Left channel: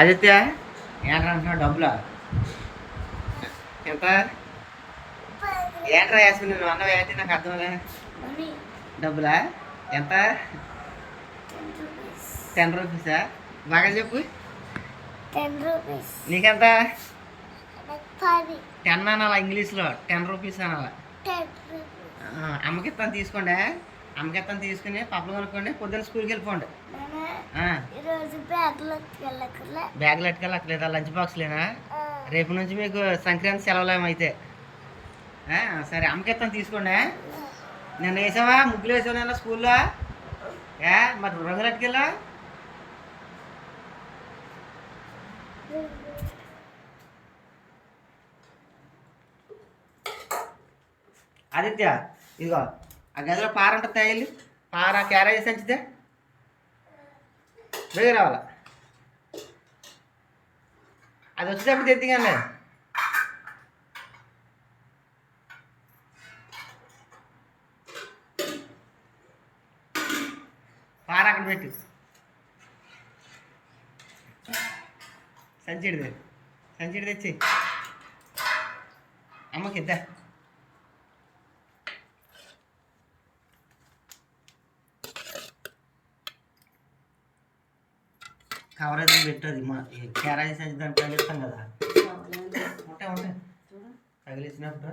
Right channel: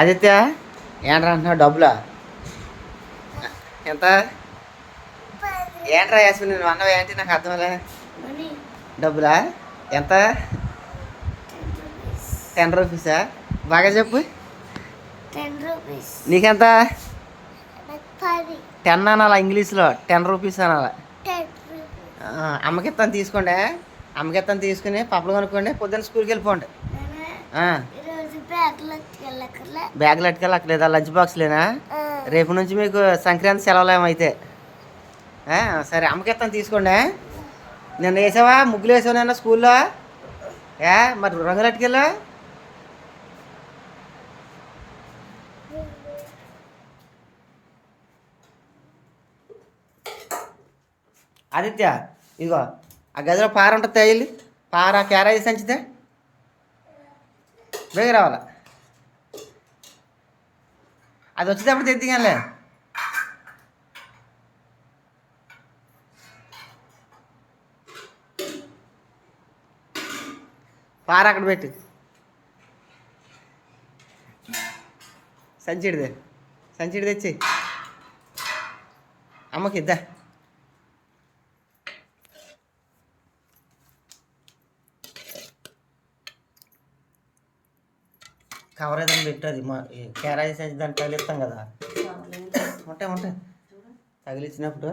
ఆదిత్య ఏంట్రా అంటున్నావు డబ్బులా? ఎంత? ఏంట్రా యాస్మిన్ నువ్వు అన్నావు ఏంటి? నాకు అర్థంలే డబ్బులా? ఎంత? టెన్ రూపీస్ బాగా చెప్పు. Ten rupees. నీకెంత? టెన్ అనాలా ఇంగ్లీష్లో? టెన్ రూపీస్ అనాలా? అమ్మకిస్తాను తీసుకోండి. అమ్మకిస్తాను తీసుకుని పప్పులు కొనుక్కోండి. పొద్దున్న స్కూల్కి వెళ్ళిపోండి. బ్యాగ్లో వెళ్ళకలే బ్యాగులు అట్టుకెళ్ళి అక్కడ లేదా లంచ్ బాక్స్లేనా? రేపు నుంచి మీకు సంక్రాంతి సెలవులు ఏమైతే ఆ, సరే అమ్మకిస్తాను తీసుకోండి నిన్న వేసావా? ముగ్గులు వేసావు నిన్న స్కూల్లో? ఏ మరి రంగులు అట్టుకెళ్ళా ఆదిత్య ఇదిగో ఆ గదిలో పార ఉంటుంది తగిలి పార క్యారేజ్ సంచితే. బేగ రావాలా? అది వచ్చేటప్పుడు తెద్దిగానే పార అక్కడ పెట్టి. సంచిడిదే సంచిడి తెచ్చి. అమ్మకి కవర్ ఏదైనా పెట్టదు మా క్యారేజ్ సంచి దాన్ని తగిలిస్తాం కదా. ఉంటాయి ఉంటాయి తగిలించినప్పుడు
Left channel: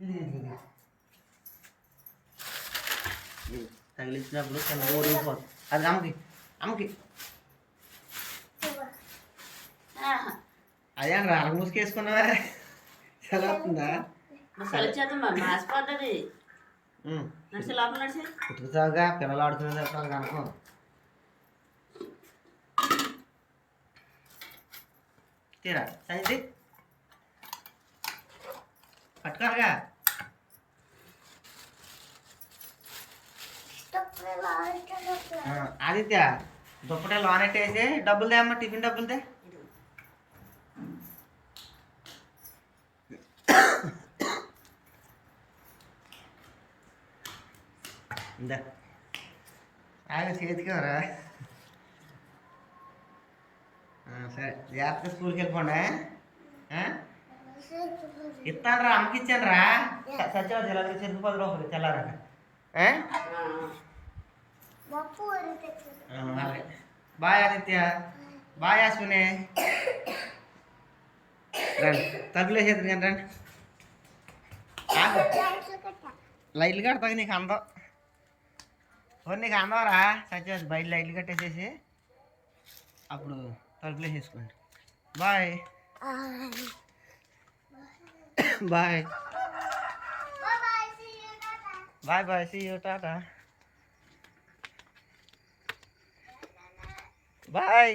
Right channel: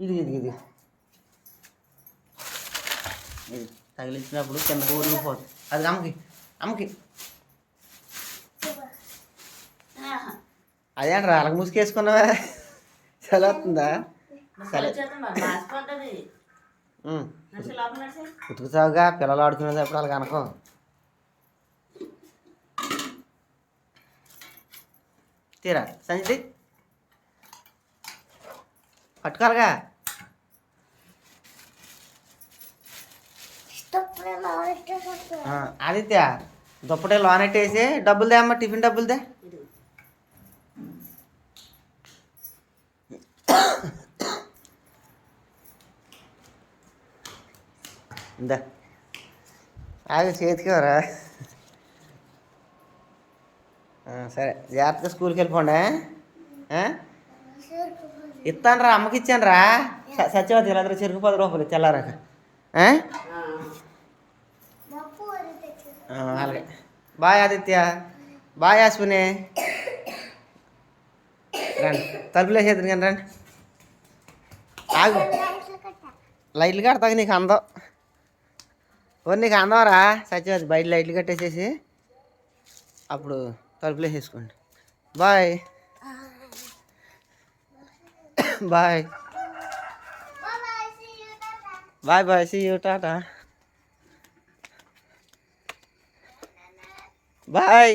ఇది ఇది ఇది. ఇది తగిలించినప్పుడు కింద ఊరిపోతుంది అది అమ్మకి అమ్మకి. అదేంట్రా అలగ ముసుకేసుకున్నావా చాలా వస్తుందా. ఉతుకుతావుగా పిల్లలు ఆడుకునేటప్పుడు వాళ్ళకి అనుకో. తీరా సంజయ్ పట్టుకోవాలిగా ఆ, ఆదిత్య దుప్పటి లోనెట్టేసి డబ్బులు దే అమ్మ టిఫిన్ డబ్బులు దే ఇందా ఆగి చేతికివరా సరే. జాగ్రత్తగా స్కూల్కి వెళ్ళిపోండి? ఇస్తాను రా అమ్మకి ఇచ్చాను రా సత్యవతి వీళ్ళందరూ చెరుకు పది రూపాయలు తెల్లారాక అలాగే. బాయ్ ఆదిత్య. బాయ్ అశ్విని రండి. తలుపులు వేసేది కానీ రండి. ఆగు. లైట్లు కడతాక నీకు అందం. ఓ నీకు అందవరా సత్యవతి బయట లైట్లు కట్టేసేసి. అప్పుడు తలుపులు వేసుకోండి bye. Bye. Bye bye see you tata. Bye.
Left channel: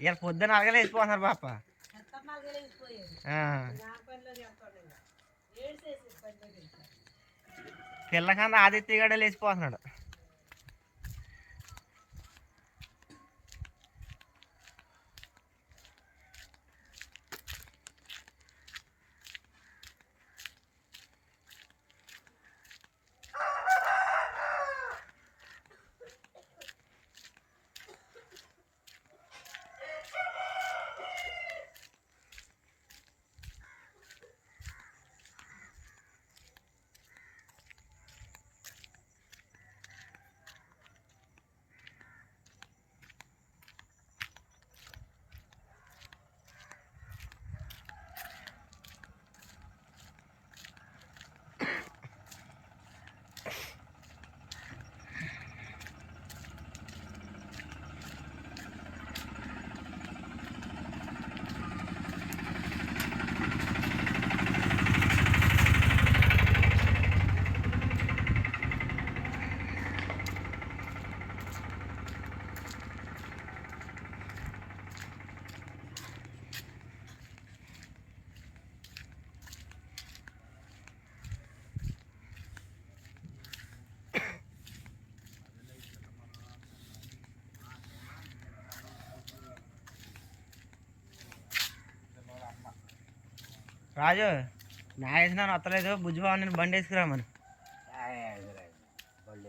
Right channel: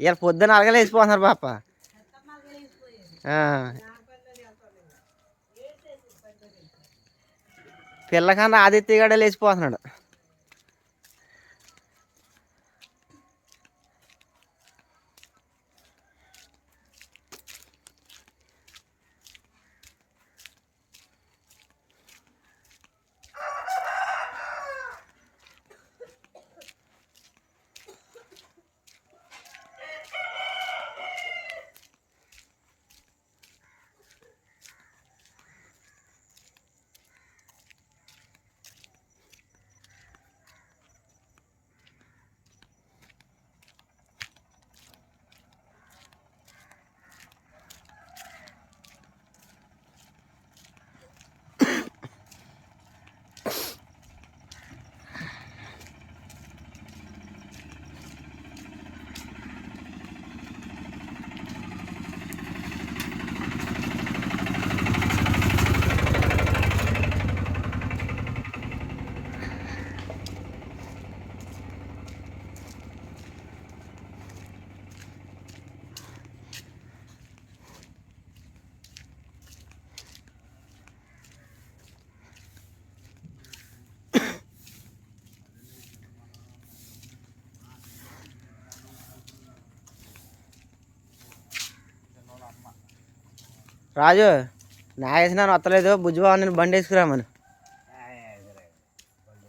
ఇలా పొద్దున అలగలేసిపోతున్నారు పాప. పిల్లకన్నా ఆదిత్య గడే లేచిపోతున్నాడు. రాజు నా వేసినాను వత్తలేదు. బుజ్జిబాబు నేను బండి వేసుకురామని.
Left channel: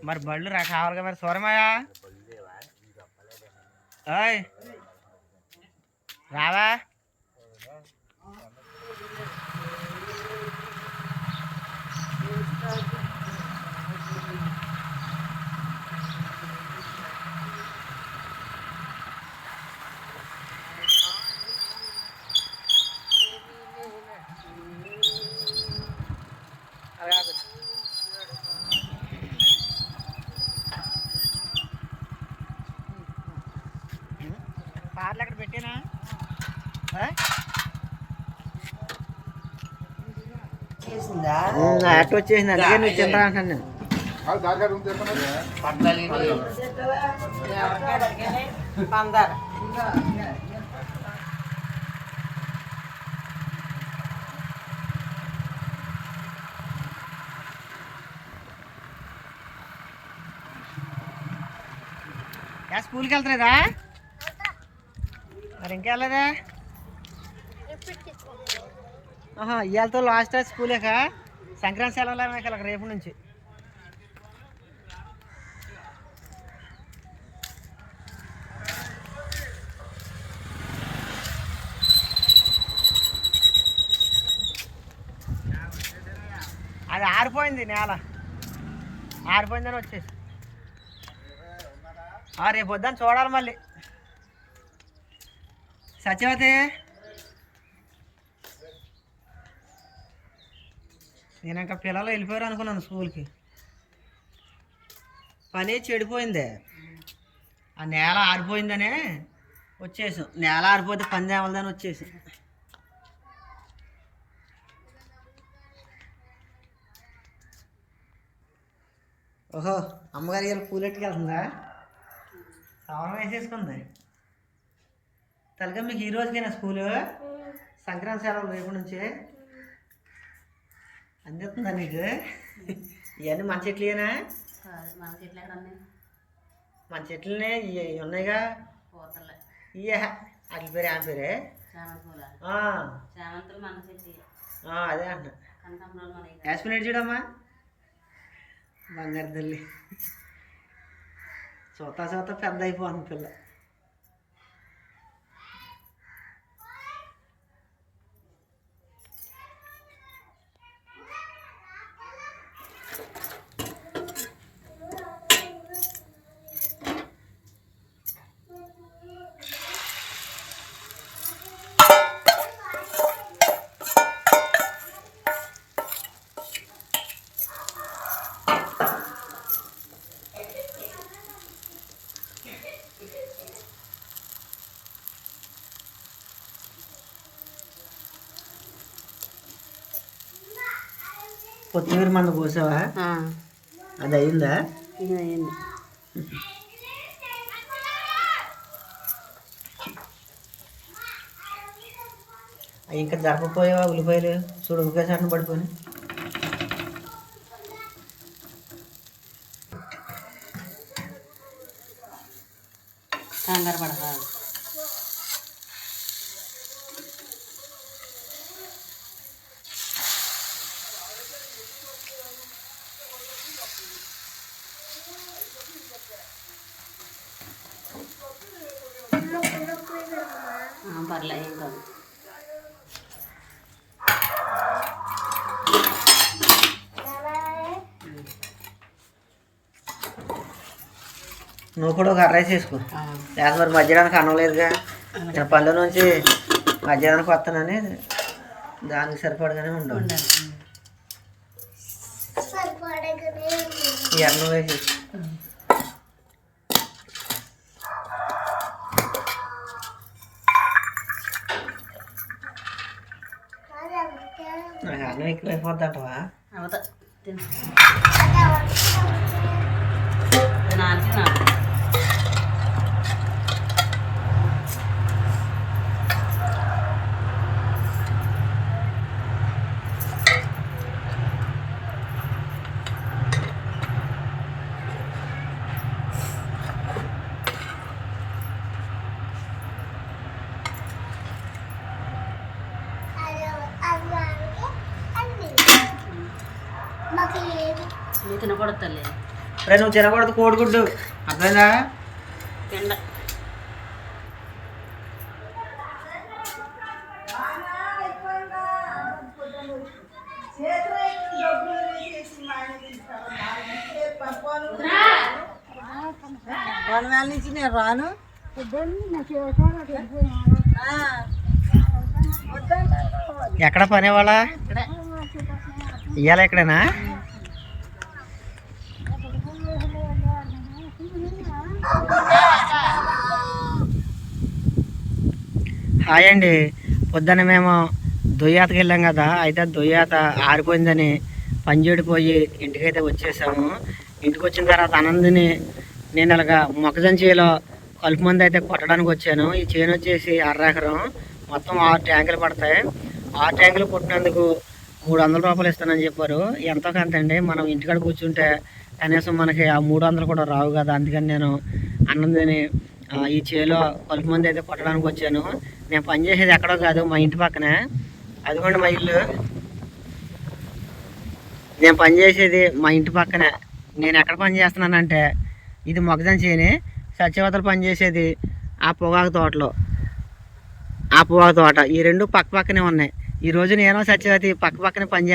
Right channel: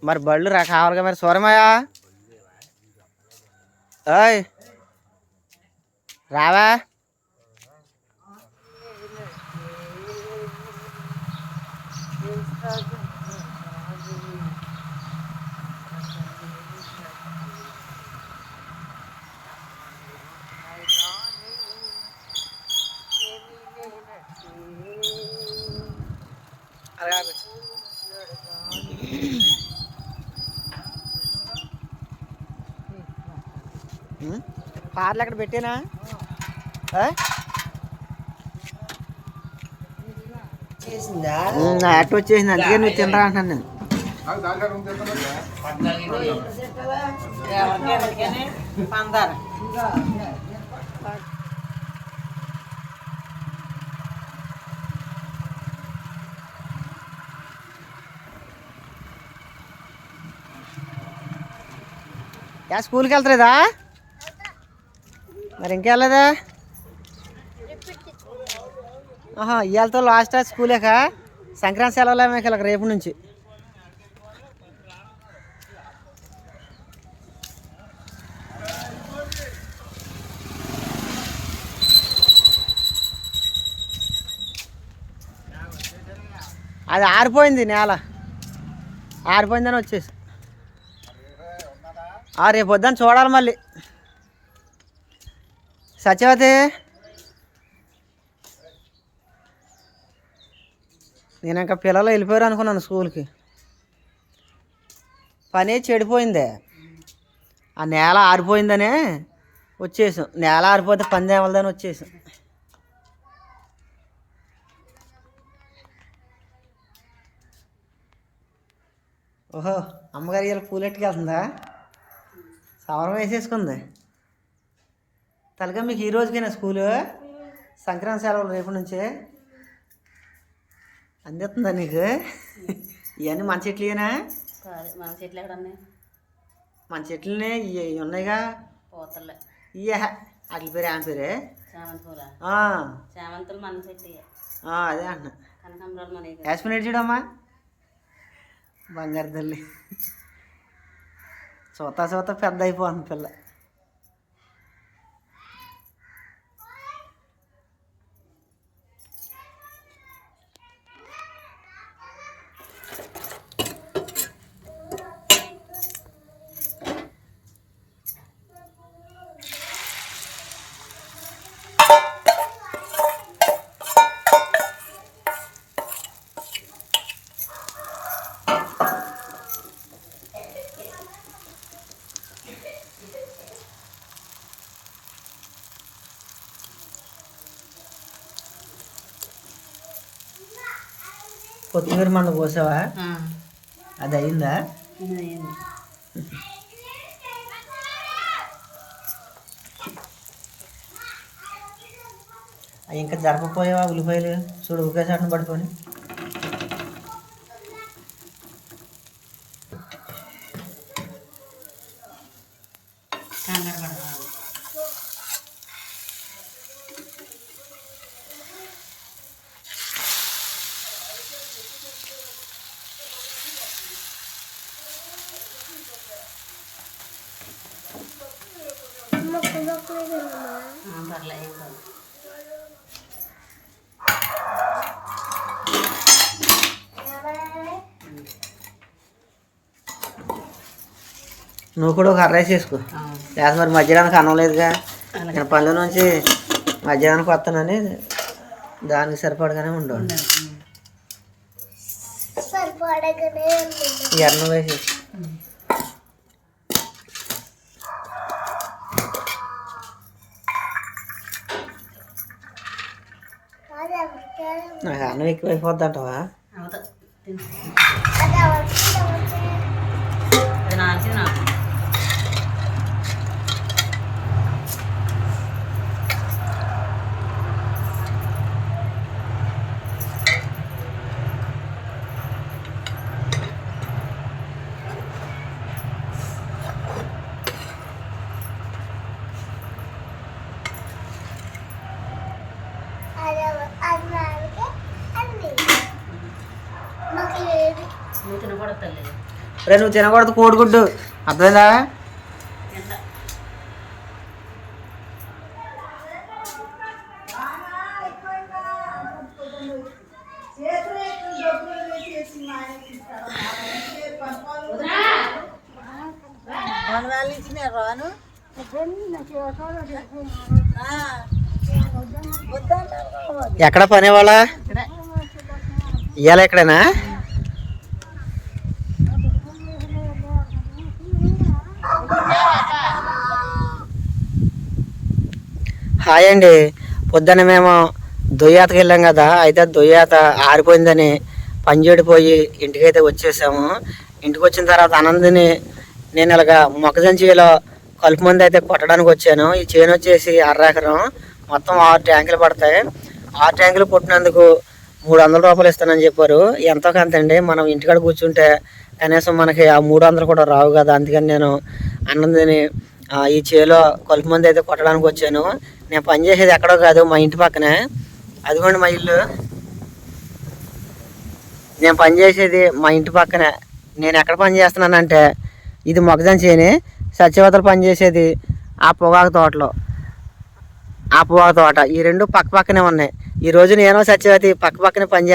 మరి బళ్ళు రా కావాలిగా మరి సూరమయ్యా. రావా? పార్లు అక్కడ పెట్టేనా? చేసిందా? అట్ట వచ్చేసింది అందుకే నువ్వు తినరా అంటున్నాను నేను. యా స్కూల్కి వెళ్తలేదా? మరి ఇంకెళ్ళదా ఆహా ఇవాళతో లాస్ట్ స్కూలేక సంక్రాంతి సెలవులే మీకు ఇలా రేపు నుంచి. అది ఆరిపోయింది నేల. ఆరిపోయిందని వచ్చేసి. ఆ రేపు వద్దని చూడాలి మళ్ళీ. సత్యవతి నేను ఇంకా పిల్లలు వెళ్ళిపోయారు అనుకున్నాను స్కూల్కి. పని చెడిపోయిందే. ఆ నేల ఆరిపోయిందనే వచ్చేసాం. నేల ఆరిపోతే పని తేవలదని వచ్చేసాం. ఓహో అమ్మగారి ఇలా పూలెట్టుకెళ్తుందా సవరం వేసేసుకుంది. తలగా మీకు ఈ రోజుకైనా స్కూలు? సంక్రాంతి సెలవులు రేపు నుంచే? అందిస్తుందా నీకు? ఇవన్నీ మన చెట్లేనా? మన చెట్లు ఎక్కడ ఉన్నాయి మన చెట్లనే ఇవి ఉన్నాయిగా. పోతలే. ఇయ్యా అట్ల పేరు ఆమె పేరే? చామంతులు. మన చెట్టు. అదే అంటున్నా. మన యాస్మినేట్ చూడమ్మా. బంగారు తల్లి. చూత చూత పెద్ద అయిపోతుంది పిల్ల. కొత్తిమీర మంద కోసావా? అది అయిందా? అవి ఇంకా జరపపోయావా ఉల్లిపాయలు? చూడు ఒకేసారి పడిపోయి పర్లే ఏం కాదు నువ్వు కూడా ఒక అర్రైస్ వేసుకో. లేకపోతే మరి మధ్యాహ్నానికి అన్నం లేదుగా. నేను పనుల నుంచి మధ్యాహ్నానికి వస్తానని దానికి సరిపడగానే ఉండవు ఉండాలి. సరిపడగానే ఈ అన్నం వేసి ఎక్కువ అయిపోద్ది అది అవసరం అది నాకి నాకు అది అన్నానికి అన్ని మాకు లేదు నువ్వు తినకూడదు తల్లి రే నువ్వు తినకూడదు కోడిగుడ్డు. అర్థమైందా? ఎండ ఎక్కడ పని వాళ్ళ ఇవాళ ఎక్కడేనా హాయ్ అండి పొద్దున్న మేము దొయ్యాతకి వెళ్ళాం కదా అయితే దొయ్యాత ఆరిపోయిందని పనిచేడిపోయి ఇంటికైతే వచ్చేసాము. ఇంటికి వచ్చిన తర్వాత ఆనందిని నేను ఇలాగా మొక్కజొన్న చేలో కలుపు మంది అయితే కొట్టడానికి వచ్చాను. ఈ చేను వచ్చేసి అర్రెకరం. మొత్తం ఆరు ట్యాంకులు పడతాయి. ఆరు ట్యాంకులు కొట్టినందుకు మూడు వందల రూపాయలు ఇస్తానని చెప్పారు. ఎంతో కొంత అండి. మనం ఇంటికాడ కూర్చుంటే కనీసం మనకి ఆ మూడు వందలు కూడా రావు కదా. అందుకని నేను అన్నందిని ఈ చేలో కలుపు మంది అయితే కొట్టడానికి వచ్చాను. నేను పనిచేసేది ఎక్కడో కాదు మా ఇంటి పక్కనే. అదిగోండి మా ఇల్లు. నేను పని చేసేది మా ఇంటి పక్కనే. నేను ఎక్కడ పని చేస్తున్నానంటే ఇది మొగజాన్ చేయని సత్యవతలు పనిచేసేది ఆ పొగాకు తోటలో. ఆ పొగాకు తోట. ఈ రెండు పక్క పక్కనే ఉన్నాయి. ఈ రోజు నేను సత్యవతి పక్క పక్కనే పని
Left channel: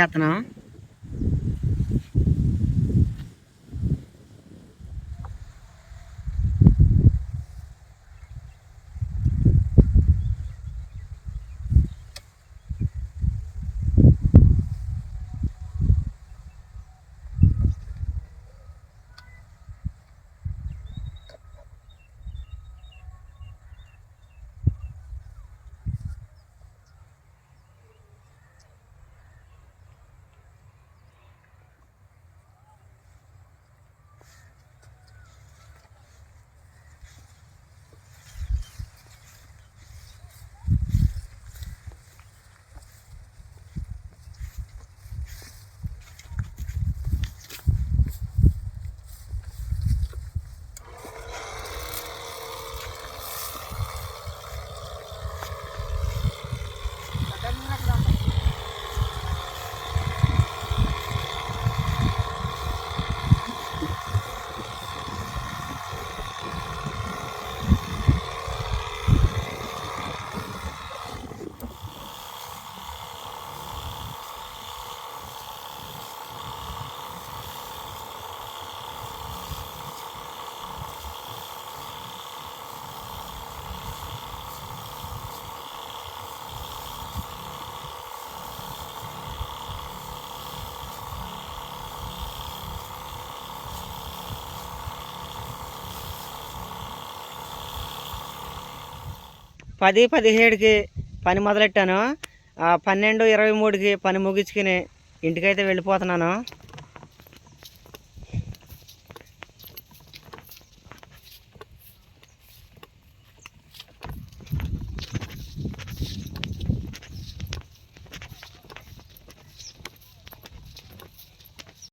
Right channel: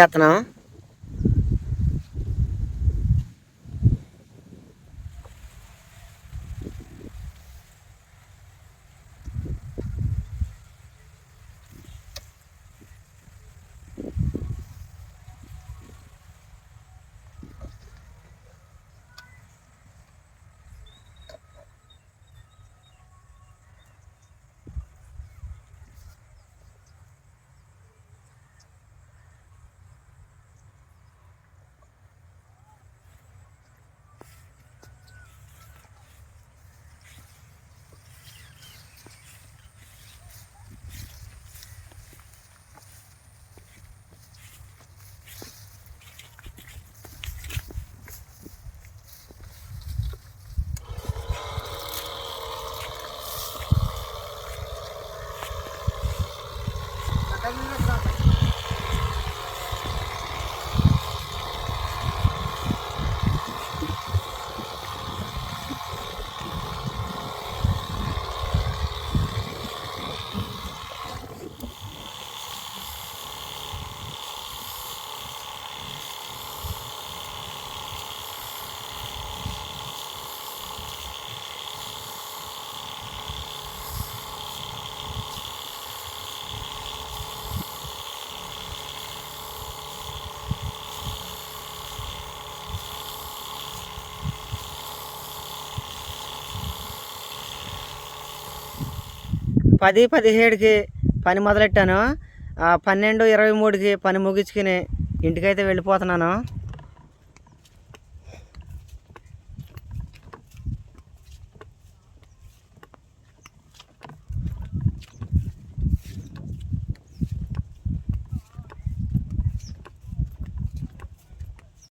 పది పదిహేడుకి పని మొదలెట్టాను. ఆ, పన్నెండు ఇరవై మూడుకి పని ముగించుకుని ఇంటికైతే వెళ్ళిపోతున్నాను.